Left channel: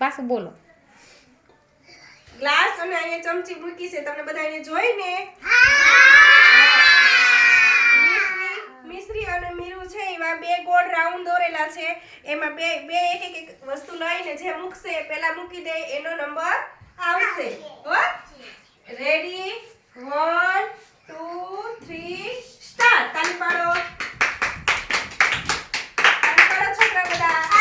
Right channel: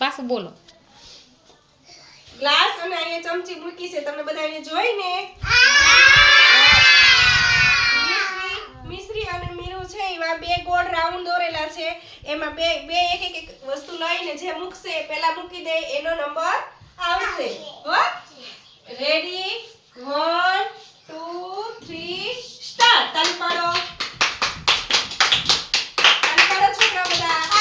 પાછું બોલો. ગ્લાસ અને અહીંયા ચમચી મૂકી છે, તમને બધાને જોઈને મિશ્રી અને મીરુ છે એમાં બે ગોળ રાઉન્ડ દોરેલા છે, એમાં બે એક વસ્તુ લઈને જે મૂકશે પહેલા મૂકી દે એનો નંબર આવશે. હો રેડી 1 2 3 સ્ટાર્ટ. તાળી પાડો છોકરા બધા.